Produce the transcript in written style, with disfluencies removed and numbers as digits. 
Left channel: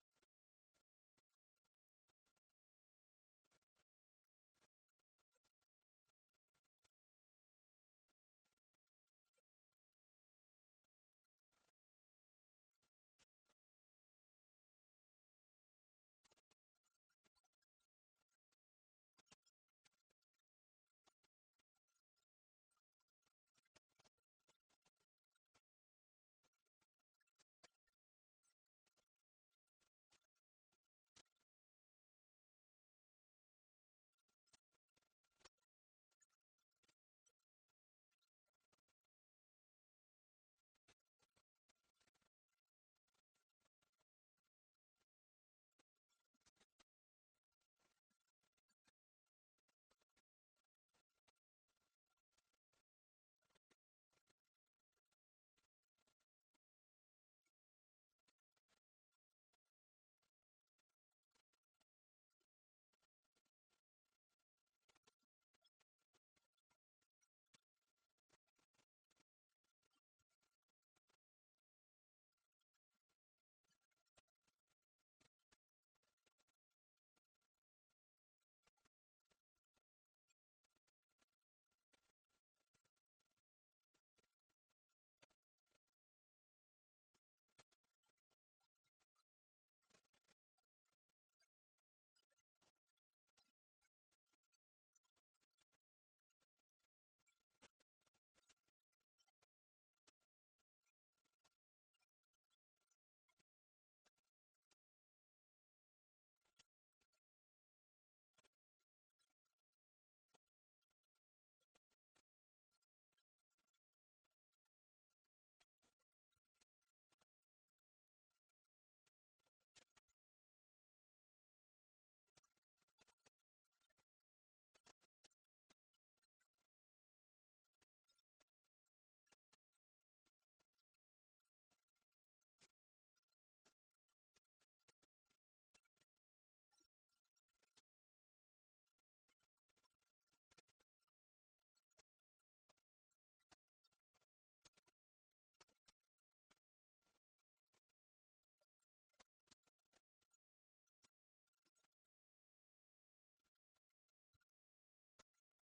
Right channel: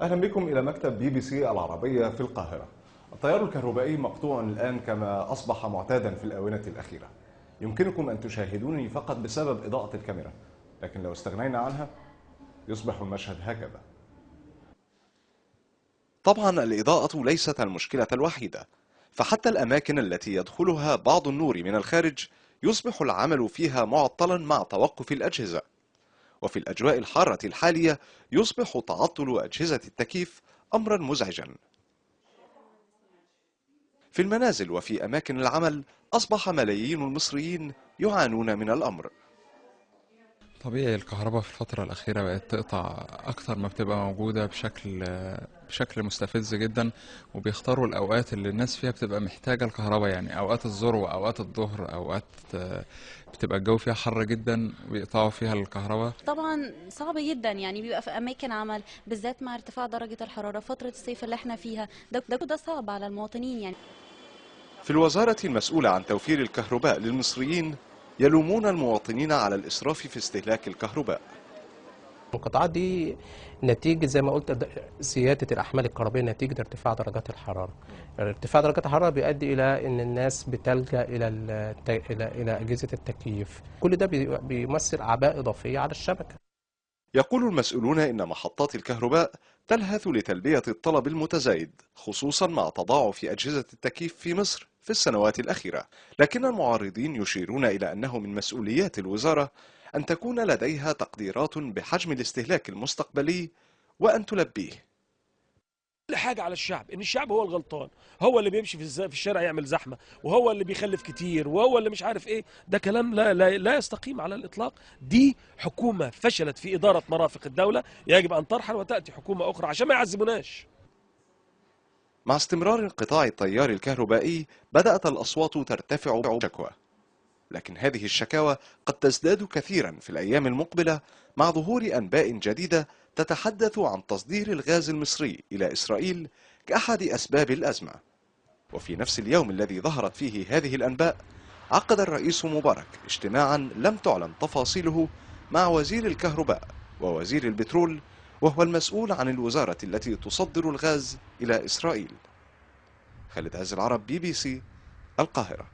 أهلا بكم إلى مكتب بي بي سي العربية في القاهرة. التيار الكهربائي مقطوع الآن كما أصبح معتادا في الآونة الأخيرة. يمكنكم أن تشاهدونني فقط بسبب إضاءة الكاميرا، لكن لو استغنينا عنها يصبح المشهد هكذا. طبعا الإضاءة ليست المشكلة الوحيدة، فحتى الأماكن التي يدخلها بعض النور من الخارج يصبح العمل فيها معطلا مع توقف الأجهزة. وفي الأجواء الحارة الحالية يصبح تعطل أجهزة التكييف أمرا مزعجا. في المنازل وفي أماكن العمل أصبح ملايين المصريين يعانون من الأمر. طبيعي الكهرباء في الفترة الأخيرة بقت تقطع أكتر ما بتبقى موجودة بشكل مستفز جدا، وبيختاروا الأوقات اللي الناس فيها بتبقى محتاجة الكهرباء، يعني أوقات الذروة، أوقات الظهر، أوقات بتبقى الجو فيها حر جدا ويقطعوا فيها الكهرباء. طبعا صعب جدا، يعني بيبقى في اماكن عمل بالذات مع ارتفاع درجة الحرارة فترة الصيف اللي احنا فيها، ده صعب على المواطنين يعني. في الوزارة المسؤولة عن توفير الكهرباء للمصريين يلومون المواطنين على الإسراف في استهلاك الكهرباء. الانقطاعات دي نتيجة زي ما قلت زيادة الأحمال الكهربائية نتيجة ارتفاع درجات الحرارة. ارتفاع درجات الحرارة بيؤدي إلى أن الناس بتلجأ إلى أجهزة التكييف. كل ده بيمثل أعباء إضافية على الشبكة. يقول المسؤولون إن محطات الكهرباء تلهث لتلبية الطلب المتزايد، خصوصا مع تضاعف أجهزة التكييف في مصر في السنوات الأخيرة. لكن المعارضين يشيرون إلى أنه من مسؤوليات الوزارة أن تكون لديها تقديرات بحجم الاستهلاك المستقبلي وأن تلبيه. كل حاجه على الشعب، ان الشعب هو الغلطان، هو اللي بيمشي في الشارع يعمل زحمه، وهو اللي بيخلف كتير، وهو اللي مش عارف ايه. ده كلام لا يستقيم على الاطلاق. دي حكومه فشلت في اداره مرافق الدوله، يجب ان ترحل وتاتي حكومه اخرى عشان ما يعذبوناش. مع استمرار انقطاع التيار الكهربائي بدأت الأصوات ترتفع شكوى، لكن هذه الشكاوى قد تزداد كثيرا في الأيام المقبلة مع ظهور أنباء جديدة تتحدث عن تصدير الغاز المصري إلى إسرائيل كأحد أسباب الأزمة. وفي نفس اليوم الذي ظهرت فيه هذه الأنباء عقد الرئيس مبارك اجتماعا لم تعلن تفاصيله مع وزير الكهرباء ووزير البترول، وهو المسؤول عن الوزارة التي تصدر الغاز إلى إسرائيل. خالد عز العرب، بي بي سي، القاهرة.